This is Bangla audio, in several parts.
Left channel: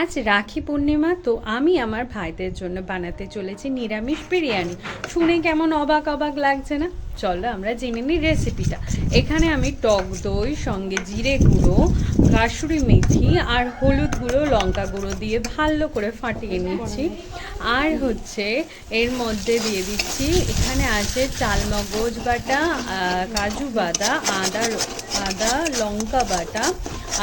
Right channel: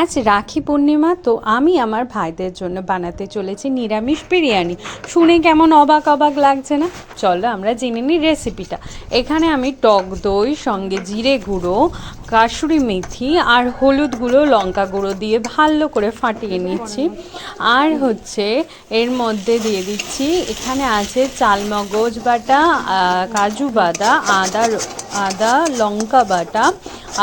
আজ রাখি পূর্ণিমা, তো আমি আমার ভাইদের জন্য বানাতে চলেছি নিরামিষ বিরিয়ানি। শুনে কেমন অবাক অবাক লাগছে না? চলো আমরা জেনে নিই রেসিপিটা। এখানে আমি টক দই সঙ্গে জিরে গুঁড়ো, কাসুরি মেথি আর হলুদ গুঁড়ো, লঙ্কা গুঁড়ো দিয়ে ভালো করে ফাটিয়ে নিচ্ছি। আর হচ্ছে এর মধ্যে দিয়ে দিচ্ছি, এখানে আছে চালমগজ বাটা, কাজু বাদা, আদা লঙ্কা বাটা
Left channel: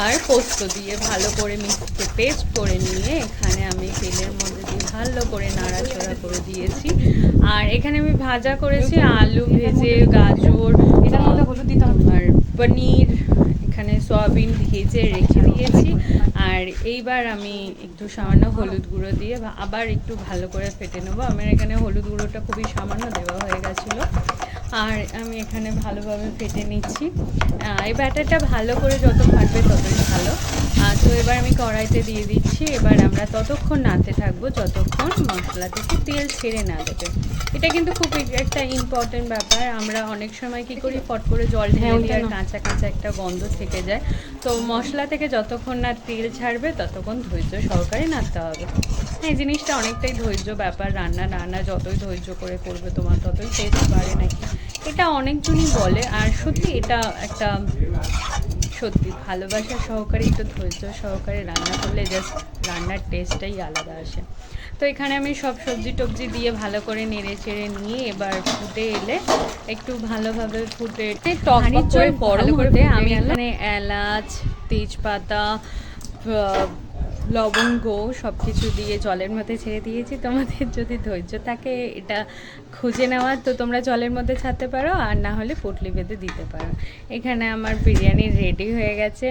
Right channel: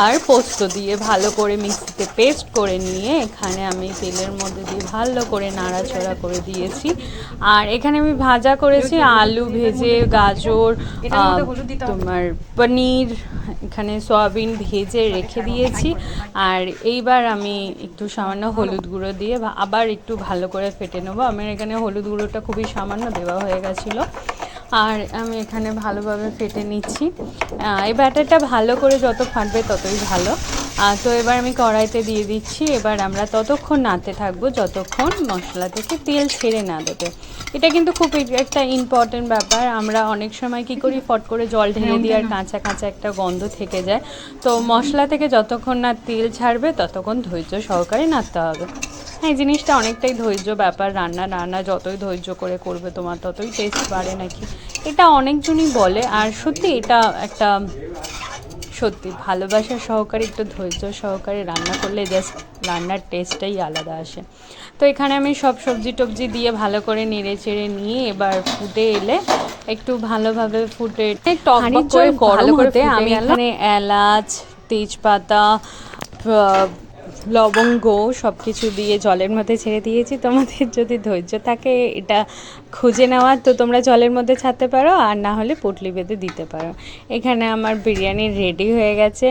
আর পোস্ত দিয়ে ভালো করে মিক্সিতে পেস্ট করে নিয়ে এখানে আমি তেলের মধ্যে দিয়ে ভালো করে নাড়াচাড়া করে দিয়েছি। আর এখানে আমি ভাজা করেছি আলু ভেজে, গাজর, তোমার পনির, এখানে সয়াবিন ভেজে রেখে দিয়েছি। আর এইবার আমি একটু সামান্য হলুদ গুঁড়ো দিয়ে আবার একটু ভালো করে ফেটে নেবো। আমার এখানে হলুদ গুঁড়োটা খুবই সামান্য দেওয়া হয়ে গেছিলো। আর আমি এখানে ভালোভাবে ফেটে নিচ্ছি। এই ব্যাটারটা ভালো করে যত ফাটবে ততই ভালো। তো এবার আমি কড়াইতে দিয়ে দিচ্ছি। এবার আমরা ততক্ষণ নাড়তে থাকবো যতক্ষণ মশলা থেকে তেল ছেড়ে না দেবে। এটা কিন্তু খুব একটা ইম্পর্টেন্ট ব্যাপার। আমরা অনেক সময় কি করি, ফট করে জল ঢেলে দিই আর কাঁচা কাঁচা একটা গন্ধ থেকে যায়। তো মশলা থেকে যতক্ষণ না তেল ছাড়বে ততক্ষণ ধৈর্য সহকারে নাড়তে হবে। এই জিনিসটা অনেকটাই ধৈর্য ব্যাপার। রান্না যতই ধৈর্য করে করবে তোমার ততই টেস্ট বাড়ে নাকি, এটা অনেকজনই বলে। আর সত্যি এটা একটা সত্যি ভালোবাসা সহকারে, একটু ধৈর্য সহকারে রান্না করলে জাস্ট রান্নার টেস্টটাই আলাদা আসে। তো এখানে আমি সব সবজি টবজি দিয়ে ভালো করে নেড়ে চেড়ে নিয়ে এবার ফুটে এলে একটু ভালোভাবে ফুটে টক করে গরম হতে আমি এখানে এলাচ, তেজপাতা, লবঙ্গ সব কিছু দিয়ে জলের মধ্যে ছেড়ে দিয়েছি। তোমাদের যদি ধৈর্য থাকে এটা খুঁজে নেওয়ার, তো তোমরা জলের মধ্যে ছাড়তে পারো, আর না হলে পুঁটলি বেঁধে দিতে পারো। এখানে আমার বিরিয়ানি রেডি হয়ে গেছে।